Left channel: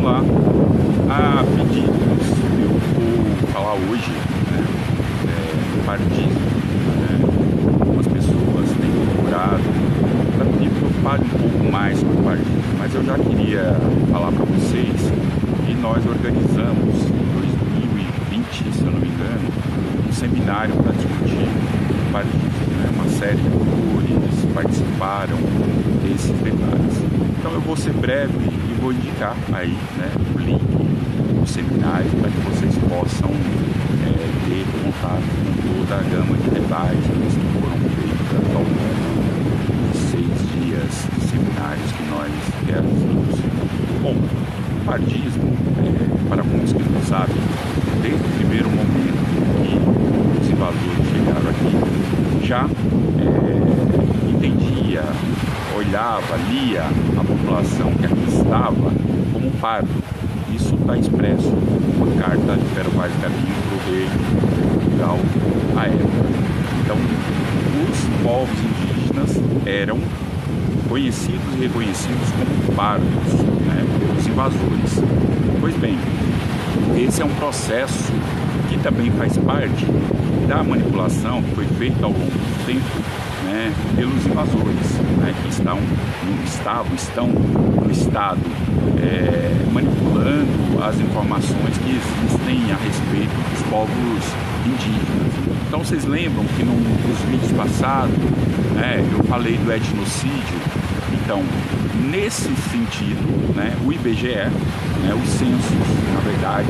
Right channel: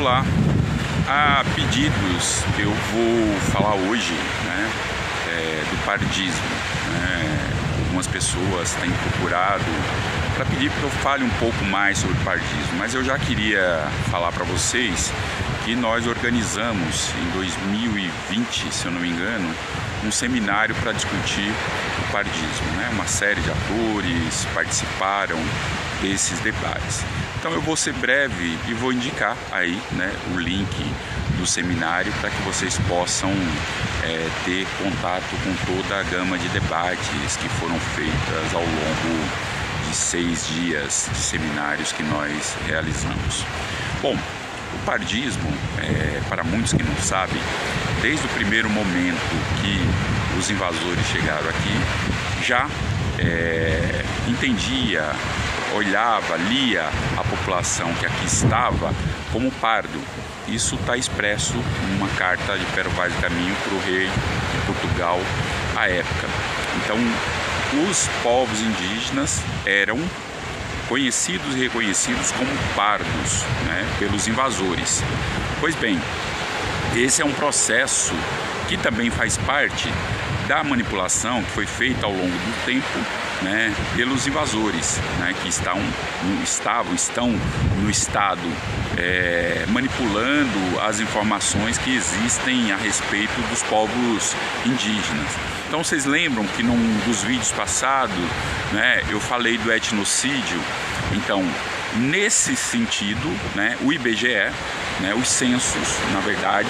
Olá, há pedidos que eu vou falar hoje, né, do pardismo. Algumas pessoas têm procurado para pedir que eu fale um pouco mais sobre o pardismo, mas eu já queria falar para vocês que nós organizamos em 2020, se eu não me engano, um seminário para discutir o pardismo, né? Uma série de atores participaram desses debates. Então eu vou ser breve e vou indicar aí, né, o link do seminário para que vocês possam ter contato com toda a gama de debates que foram feitas ao longo de 6 dias de seminários que nós realizamos. Bom, o pardismo, para muitos que não sabem, desde o primeiro momento que os invasores chegaram aqui, já entendia, olhava, lia a população que aqui estava como pardo. Isso está expresso numa carta de Pero Vaz do Caminho para o rei de Portugal à época. Então, os povos indígenas eram conhecidos e reconhecidos como pardos, né, pelos invasores. Pois bem, esse é um processo que também faz parte da manipulação que foi feita ao longo do tempo, né, pelos invasores, né, que estão no estado manipulando as informações que existem a respeito dos povos indígenas. Então vocês lembram que num dos vídeos passados, né, eu falei do etnocídio. Então, nesse sentido, né, o IBGE, né, os censos, na verdade,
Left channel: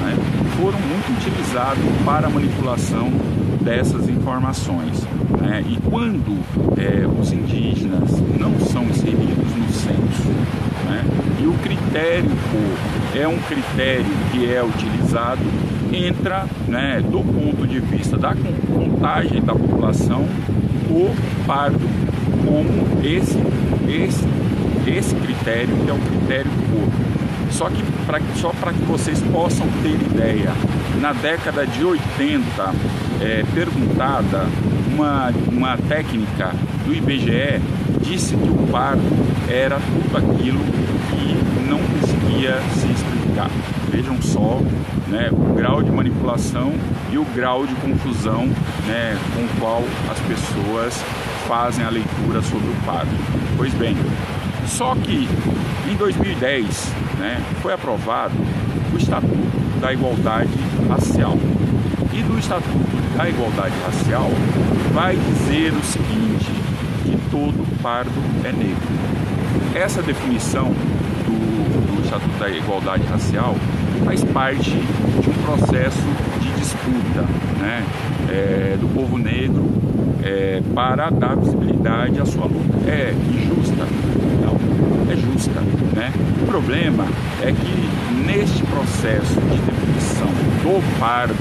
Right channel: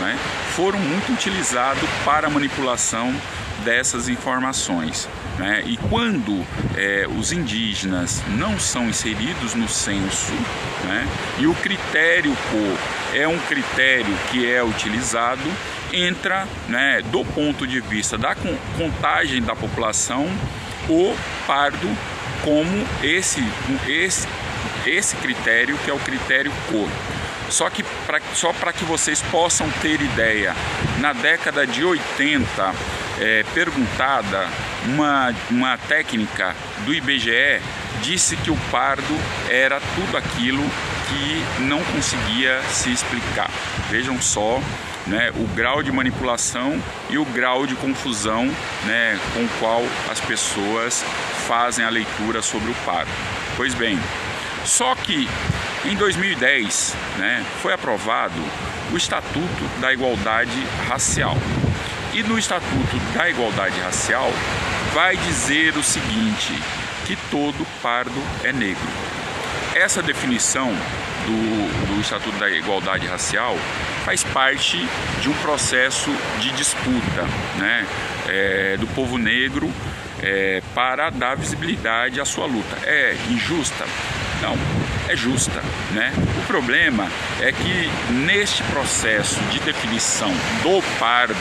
né, foram muito utilizados para a manipulação dessas informações, né? E quando os indígenas não são inseridos no censo, né, e o critério é um critério que é utilizado, entra, né, do ponto de vista da contagem da população, o pardo como esse critério, que é o critério cor. Só para que vocês possam ter ideia, na década de 80, perguntada, uma técnica do IBGE disse que o pardo era tudo aquilo que não conseguia se explicar. Vejam só, né, o grau de manipulação e o grau de confusão, né, com o qual as pessoas fazem a leitura sobre o pardo. Pois bem, só que em 2010, né, foi aprovado o Estatuto da Igualdade Racial. E no Estatuto da Igualdade Racial vai dizer o seguinte, que todo pardo é negro. Essa definição do Estatuto da Igualdade Racial faz parte de um processo de disputa, né, do povo negro para dar visibilidade à sua luta. É injusta? Não, é justa, né? O problema é que neste processo de definição do pardo,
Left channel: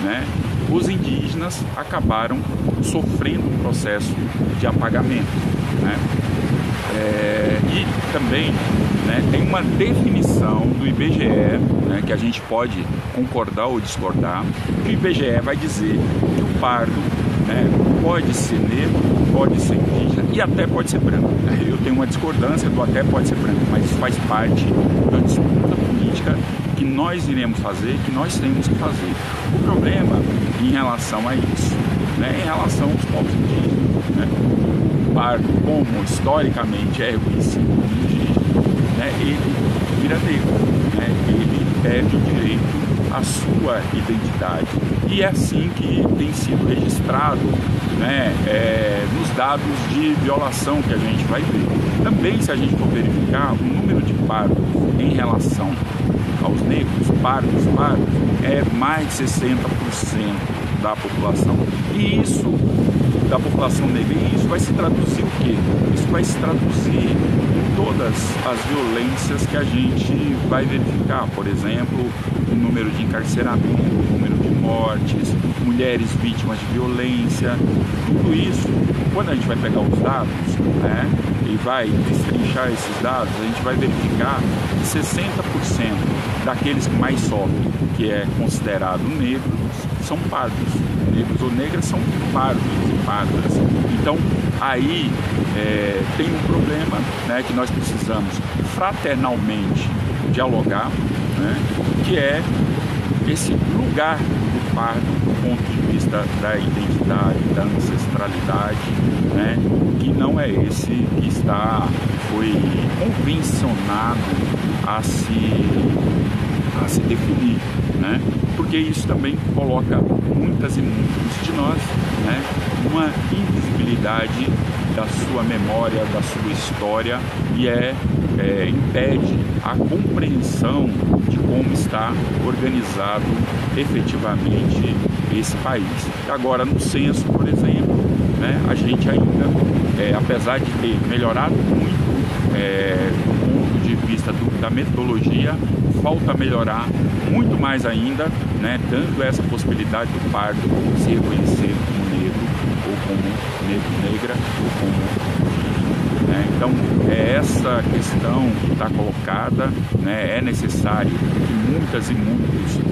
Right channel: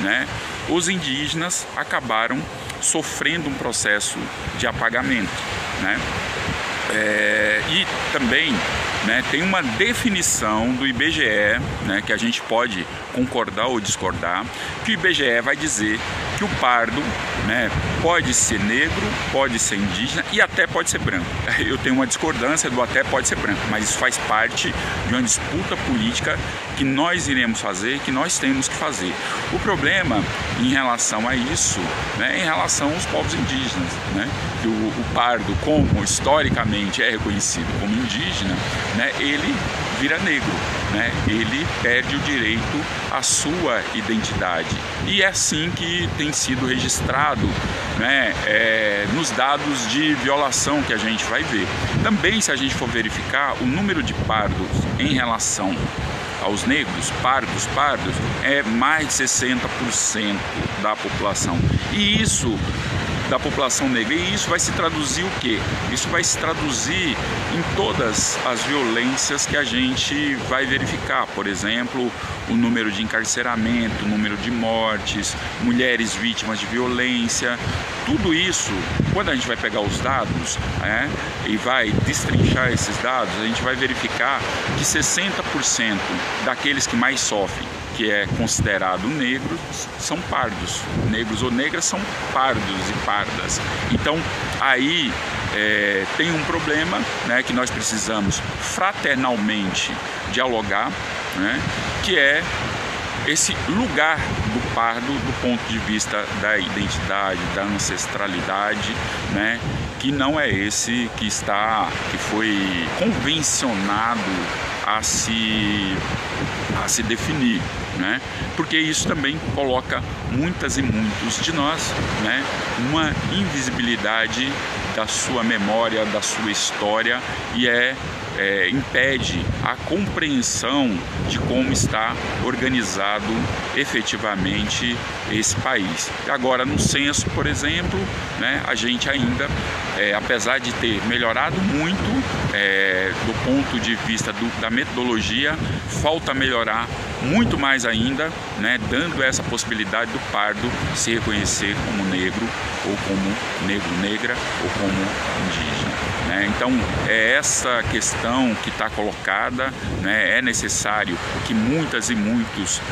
né, os indígenas acabaram sofrendo um processo de apagamento, né? E também, né, tem uma definição do IBGE, né, que a gente pode concordar ou discordar, que o IBGE vai dizer que o pardo, né, pode ser negro, pode ser indígena e até pode ser branco. Eu tenho uma discordância do até pode ser branco, mas isso faz parte de uma disputa política que nós iremos fazer, que nós temos que fazer. O problema em relação a isso, né, em relação aos povos indígenas, né, o pardo, como historicamente é reconhecido como indígena, né, ele vira negro, né, ele perde o direito à sua identidade. E é assim que tem sido registrado, né, nos dados de violação que a gente vai ver. Também, se a gente for verificar, o número de pardos em relação aos negros, pardos, é mais de 60% da população. E isso, da população negra, e isso vai se traduzir o quê? Isso vai se traduzir em todas as violências que a gente vai verificar. Por exemplo, o número de encarceramento, o número de mortes, mulheres vítimas de violência, tudo isso, quando a gente vai pegar os dados, e vai destrinchar esses dados, a gente vai verificar que 60% daqueles que mais sofrem, que é considerado negros, são pardos. Negros ou negras são pardos e pardas. Então, aí tem um problema, né, que nós precisamos fraternalmente dialogar, né, que é esse lugar do pardo do ponto de vista da identidade, da ancestralidade, né, que não é esse que foi convencionado a se definir, né? Porque isso também coloca muitas e muitos de nós, né, numa invisibilidade da sua memória, da sua história, e impede a compreensão de como está organizado efetivamente esse país. Agora, no censo, por exemplo, né, a gente ainda, apesar de ter melhorado muito do ponto de vista da metodologia, falta melhorar muito mais ainda, né, dando essa possibilidade do pardo se reconhecer como negro, ou como negro-negra, ou como indígena. Então, é essa questão que está colocada, né? É necessário que muitas e muitos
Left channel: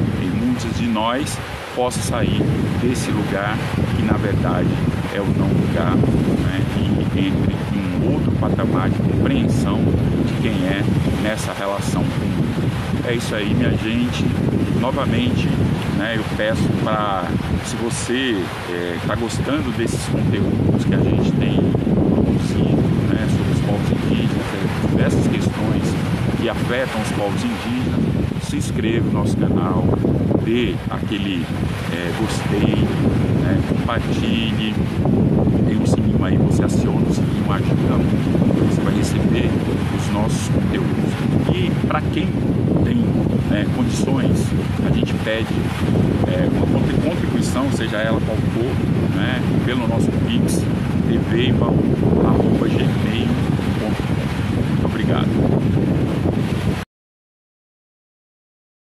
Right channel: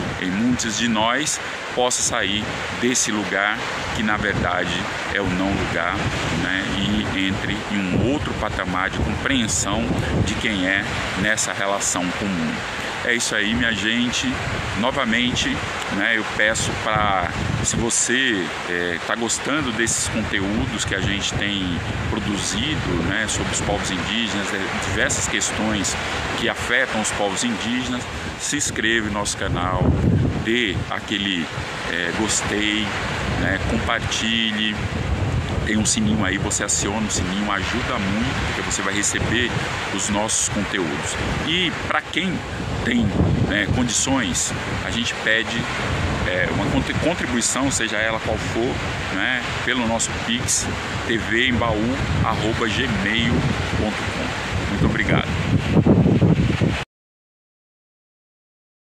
de nós possam sair desse lugar que, na verdade, é o não lugar, né? E entre em um outro patamar de compreensão de quem é nessa relação comum. É isso aí, minha gente. Novamente, né, eu peço para, se você está gostando desses conteúdos que a gente tem produzido, né, sobre os povos indígenas, diversas questões que afetam os povos indígenas, se inscreva no nosso canal, dê aquele gostei, né, compartilhe. Tem um sininho aí, você aciona o sininho, ajuda muito, porque você vai receber os nossos conteúdos. E para quem tem condições, a gente pede uma contribuição, seja ela qual for, né, pelo nosso Pix, tvembaú@gmail.com. Muito obrigado.